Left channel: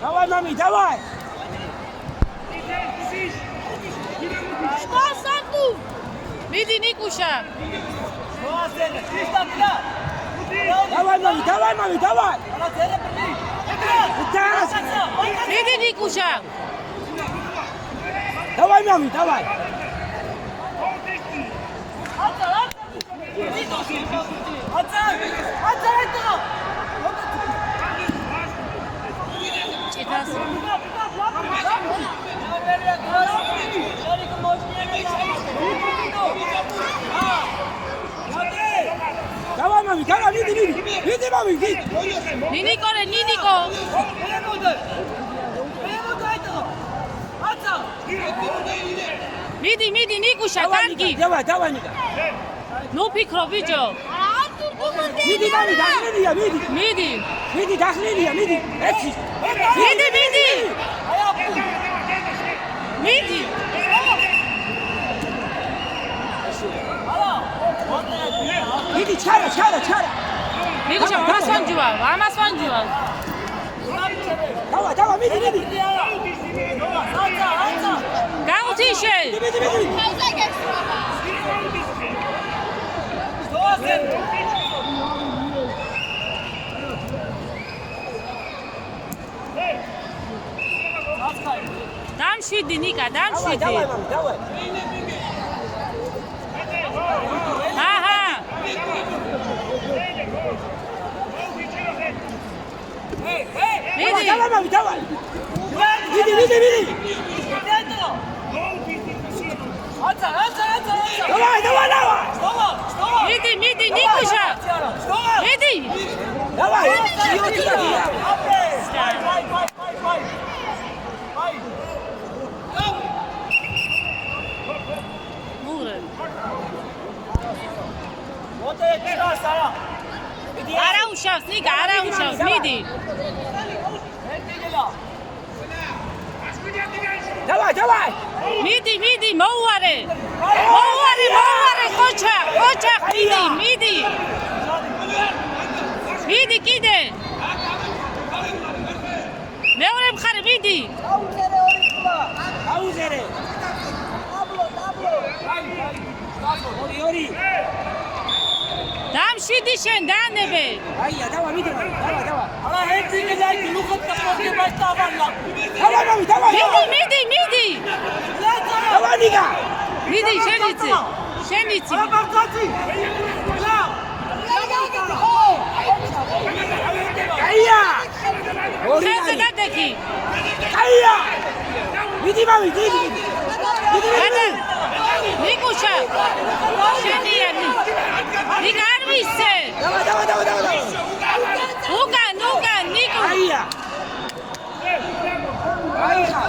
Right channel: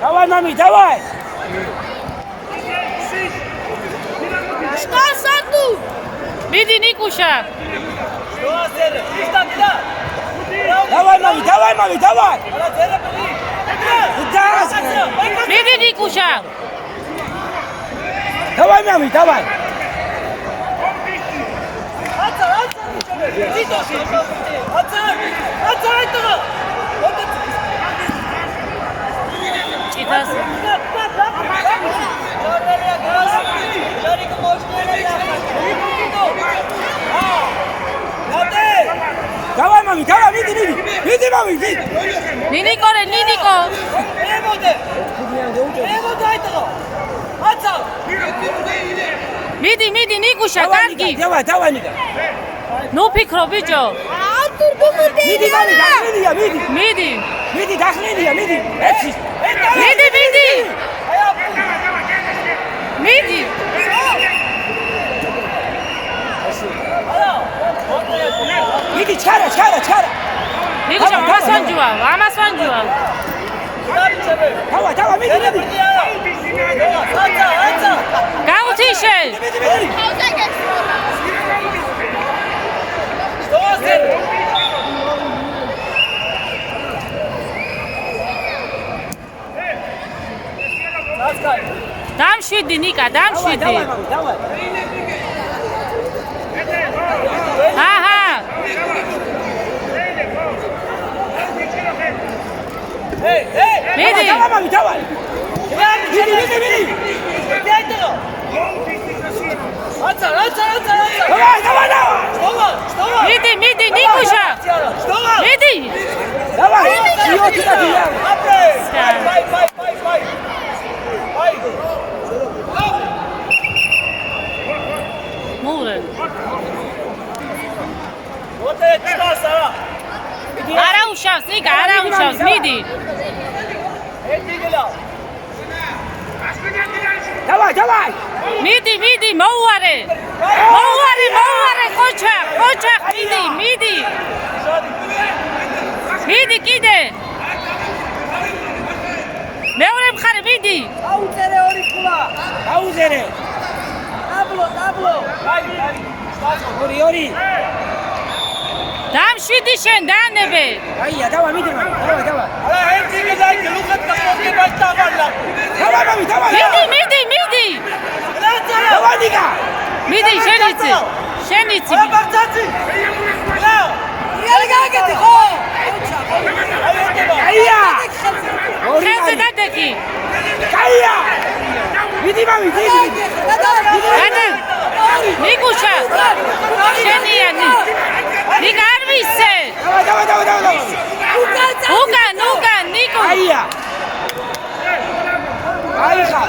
Давай, мами, давай! Что саду? Миди Никуша. Давай, мами, давай! Миди Никуша. Давай, мами, давай! Читас. Давай, мами, давай, види, мами, види! Нинико, Нинико. Миди Никуша, карги. Давай, Ника! Ну пикро биჭო. Види, мами, дахлილია, види! მიდი. Види, дахლილია, види! Έτσι! მიდი. მიდი. Види, ჩარა! ნიკუშა, ამას ვანჯუა. Давай, види! გაუთიშე. დამშვიდი ნიკა, დამშვიდი. Давай! აჰა. მიდი. Давай, мами, давай! Види! Давай! მიდი ნიკუშა. მიდი. Давай! Чьё-то я! მურე. არა უშავს ნიკა, არა უშავს, მიდი. Давай! მიდი, მოუარე, ხოჩა, მიდი. მიდი კიდე. მეორე მხარე, მიდი. აუზერე! ორი! დამშვიდი შენ, დაანებე. აია, давай, მიდი, давай! მიდი. Давай, Ника! მიდი, შენიცი. აია! ორი ხეზე არის! დადექი. აია! მიდი, მამი, მიდი! ნიკუშა. შენიანი. ნიკა არ ვისე. Давай! უკან, ნიკუ. აია! აიხა!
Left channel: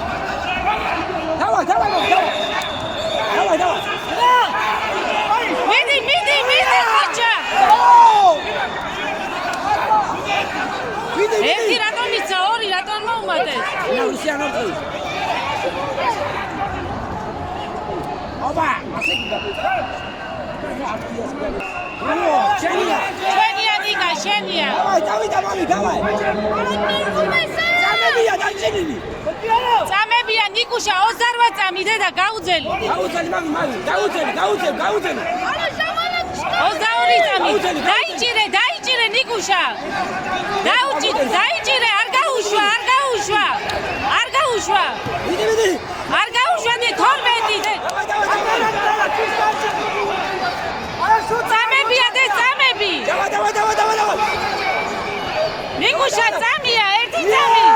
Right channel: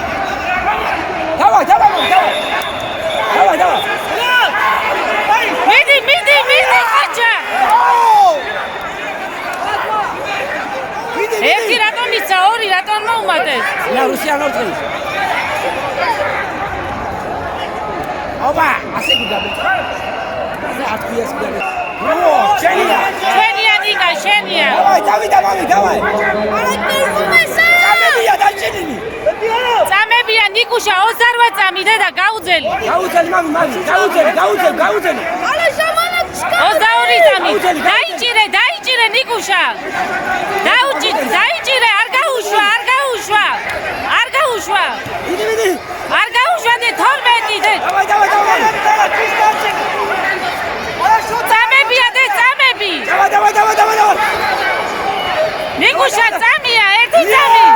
Давай! მიდი, ხოჩა. ერთი რატომ იცა, ორი რატომ მოუმატეს? Я Русиан орден. Оба, ასე გიგაბა. ათიას გიგაბა. ო, შენია. შენია ნიკა, შენია. Давай. სამებია დაჭენილი. წამებია ნიკუშა 28 წამი დედა გაუძელი. გაუძელი მამი, გაუძელი. 22 წამი. დაიჭირე ნიკუშა. დაიჭირე, არ გაუშვა. მიდი. არ გაუშვა და 12 დე. Давай. წამებია დე, წამები. Давай. ნიკუშა წამია, ერთი წამი.